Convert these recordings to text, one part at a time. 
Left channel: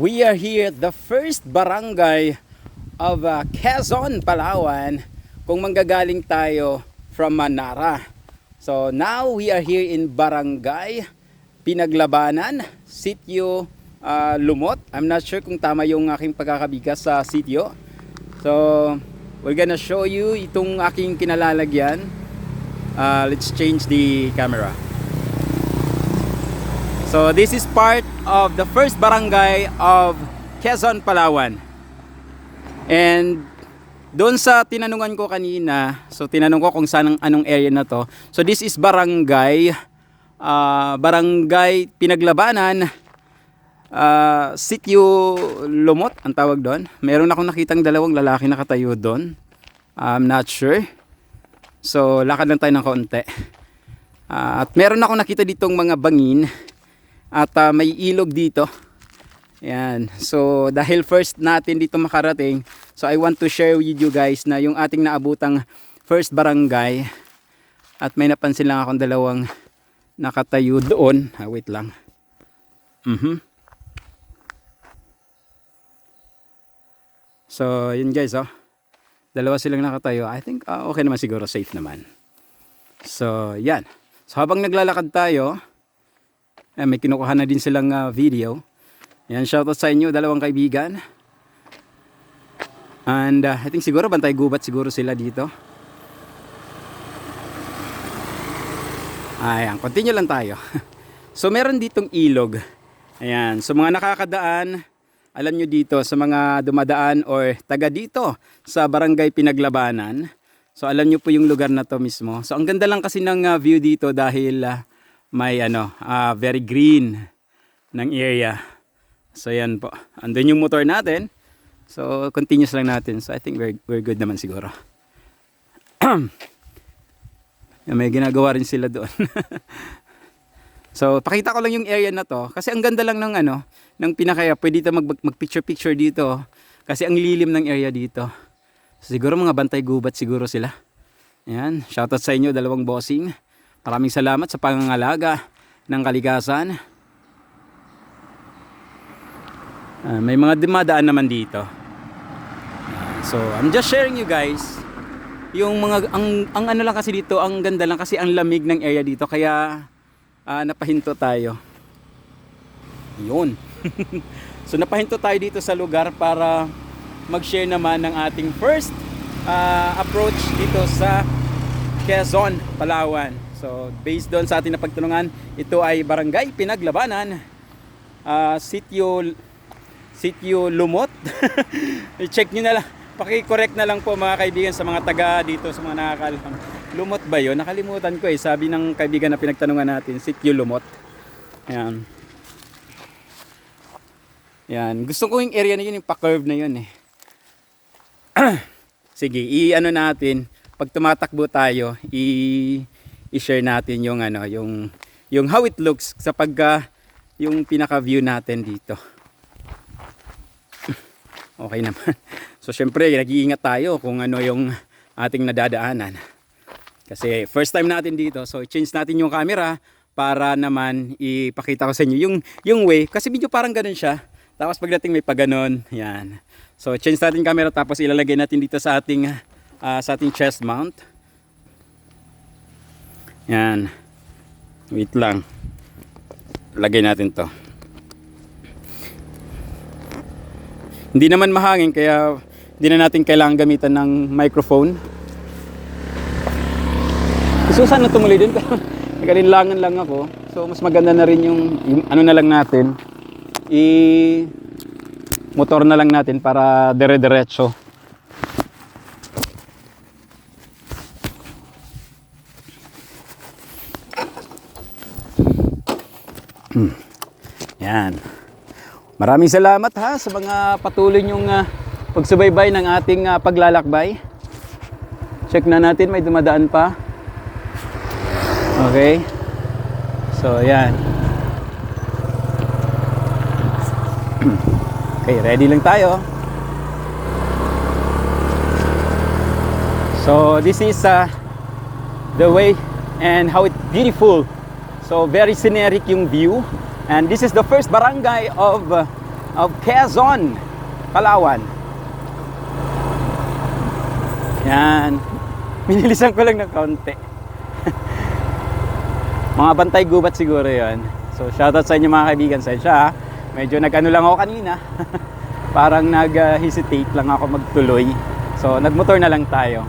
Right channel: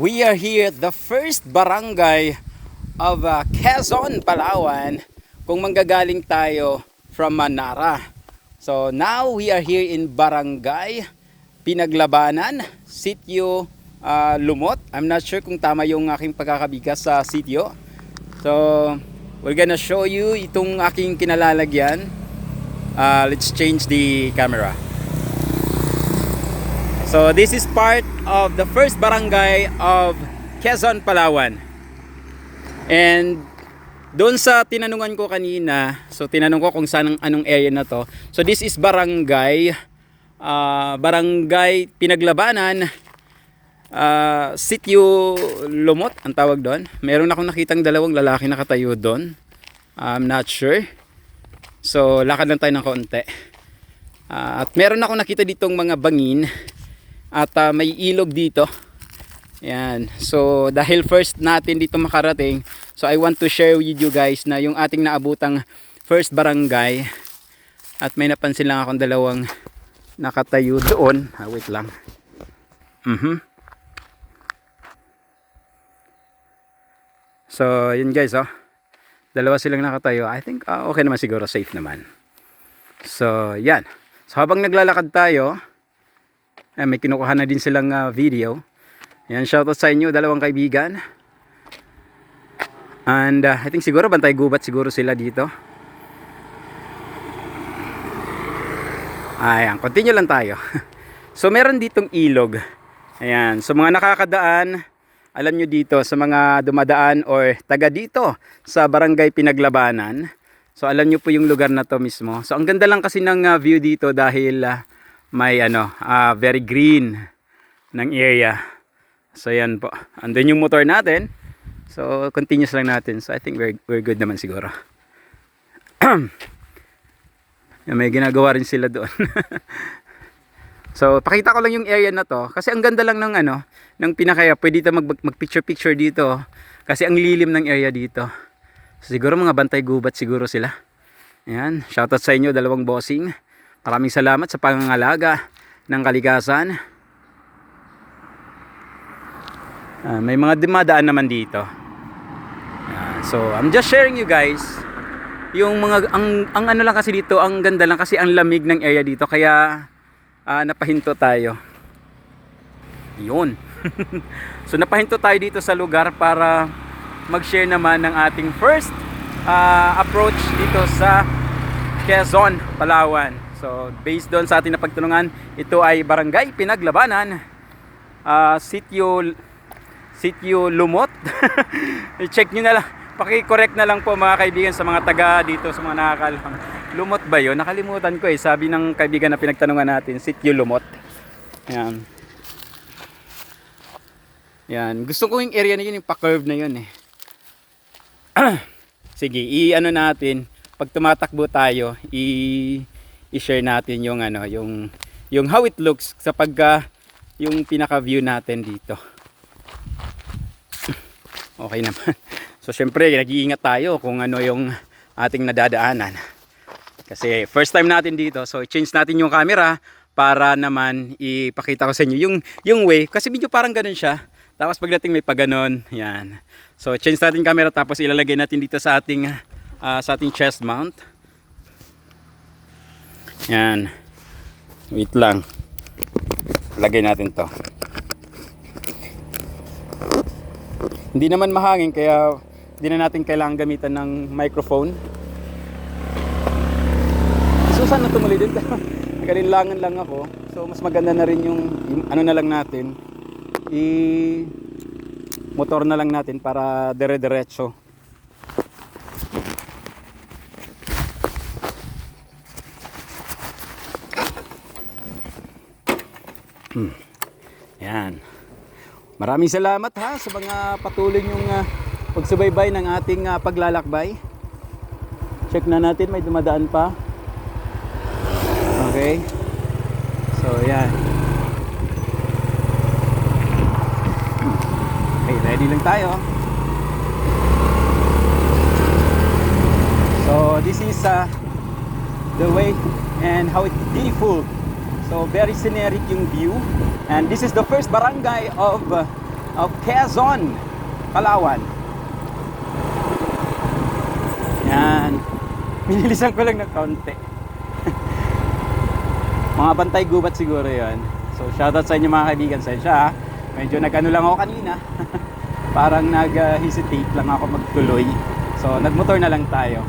We are here at the first barangay of Quezon, Palawan, kung manggagaling tayo from Manara. So now we are here in Barangay Pinaglabanan, Sitio Lumot. I'm not sure kung tama yung aking pagkakabigas sa sitio. So we're gonna show you itong aking kinalalagyan. Let's change the camera. So this is part of the first barangay of Quezon, Palawan. And doon sa tinanungan ko kanina, so tinanong ko kung saan anong area na to. So this is barangay Barangay Pinaglabanan, Sitio Lumot ang tawag doon. Meron akong nakitang dalawang lalaki nakatayo doon. I'm not sure. So lakad lang tayo ng kaunti. At meron akong nakita ditong mga bangin. At may ilog dito. Ayan. So dahil first natin dito makarating, so I want to share with you guys na yung ating naabutang first barangay. At may napansin lang akong dalawang nakatayo doon. Wait lang. So yun guys, dalawa silang nakatayo. I think okay naman siguro, safe naman. So yan. So habang naglalakad tayo, may kinukuha na din silang video. Ayan, shoutout sa inyo, dalawang kaibigan. And I think siguro bantay gubat siguro sila dito. Ayan, continue lang tayo. So meron ditong ilog. Ayan, so mga nakakadaan, alam nyo dito, sa mga dumadaan or taga dito sa Barangay Pinaglabanan. So alam nyo po yung lugar na to mismo. So ang ganda lang kasi ng view dito dahil may very green ng area. So yan po. Andun yung motor natin. So continuous lang natin. So I think we're good naman siguro. May ginagawa rin sila doon. So pakita ko lang yung area na to kasi ang ganda lang ng ng pinakaya. Pwede tayo mag picture dito kasi ang lilim ng area dito. So, siguro mga bantay gubat siguro sila. Ayan, shoutout sa inyo dalawang bossing. Maraming salamat sa pangangalaga ng kalikasan. May mga dumadaan naman dito. So I'm just sharing you guys yung mga ang ano lang kasi dito, ang ganda lang kasi ang lamig ng area dito kaya napahinto tayo. Yun. So napahinto tayo dito sa lugar para mag-share naman ng ating first approach dito sa Quezon, Palawan. So based doon sa ating napagtulungan, ito ay Barangay Pinaglabanan, Sitio Lumot. I-check nyo na lang, paki-correct na lang po mga kaibigan sa mga taga dito, sa mga nakakalam. Lumot ba yun? Nakalimutan ko sabi ng kaibigan na pinagtanungan natin, Sitio Lumot. Ayan. Yan, gusto ko yung area na yun, yung pa-curve na yun Sige, i-ano natin, pag tumatakbo tayo, i-share natin yung yung how it looks sa yung pinaka-view natin dito. Okay naman. So syempre, nag-iingat tayo kung ano yung ating nadadaanan. Kasi first time natin dito, so change natin yung camera para naman ipakita ko sa inyo yung way kasi medyo parang ganun siya. Tapos pagdating may paganon, yan. So change natin camera tapos ilalagay natin dito sa ating chest mount. Yan. Wait lang. Lagay natin to. Hindi naman mahangin kaya hindi na natin kailangan gamitan ng microphone. So sana tumuloy din pero nagalilangan lang ako. So mas maganda na rin yung ano na lang natin. Motor na lang natin para dire-diretso. Yan. Maraming salamat sa mga patuloy nyong pagsubaybay ng ating paglalakbay. Check na natin, may dumadaan pa. Okay. So yan. Okay, ready lang tayo. So this is the way and how it's beautiful. So very scenic yung view. And this is the first barangay of of Quezon, Palawan. Yan. Binilisan ko lang ng konti. Mga bantay gubat siguro yon. So shoutout sa inyo mga kaibigan. Sa siya, medyo nag-ano lang ako kanina. Parang nag-hesitate lang ako magtuloy. So nagmotor na lang tayo.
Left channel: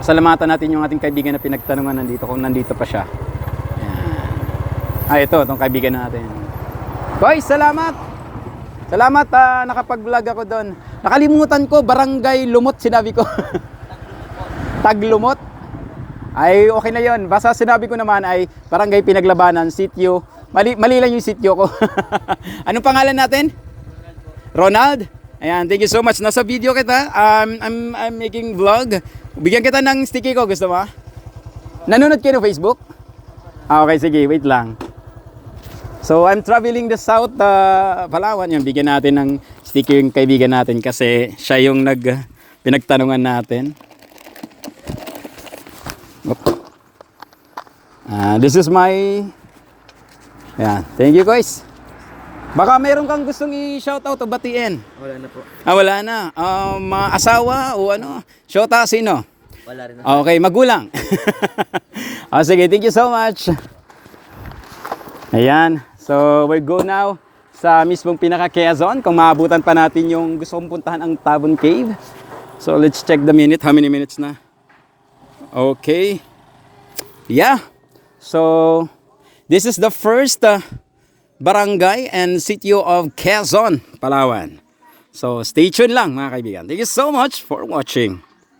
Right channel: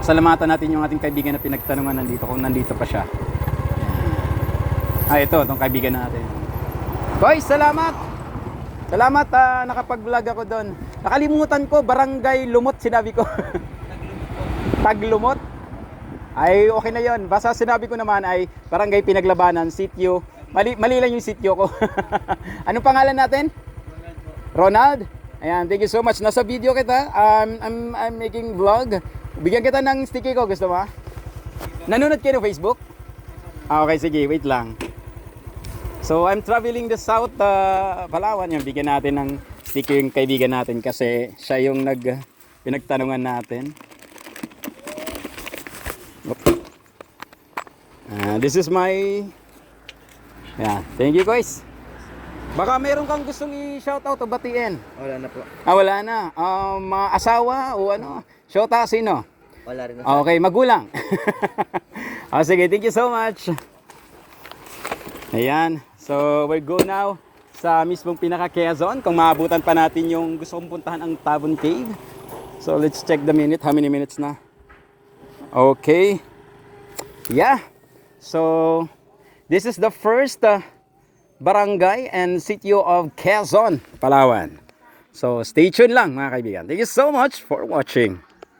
Salamatan natin yung ating kaibigan na pinagtanungan nandito, kung nandito pa siya. Ito, itong kaibigan natin. Boy, salamat! Salamat, nakapag-vlog ako doon. Nakalimutan ko, Barangay Lumot, sinabi ko. Taglumot? Ay, okay na yon. Basta sinabi ko naman ay Barangay Pinaglabanan, sitio. Mali lang yung sitio ko. Anong pangalan natin? Ronald? Ayan, thank you so much. Nasa video kita. I'm making vlog. Bigyan kita ng sticky ko, gusto mo? Nanonood kayo ng Facebook? Okay, sige, wait lang. So, I'm traveling the south Palawan. Yung bigyan natin ng sticky yung kaibigan natin kasi siya yung pinagtanungan natin. This is my... Ayan, thank you guys. Baka meron kang gustong i-shoutout o batiin. Wala na po. Wala na. Mga asawa o ano? Shota, sino? Wala rin na. Okay, magulang. Sige, thank you so much. Ayan. So, we'll go now sa mismong pinaka-Quezon. Kung maabutan pa natin yung gusto kong puntahan ang Tabon Cave. So, let's check the minute. How many minutes na? Okay. Yeah. So, this is the first barangay and sitio of Quezon, Palawan. So, stay tuned lang mga kaibigan. Thank you so much for watching.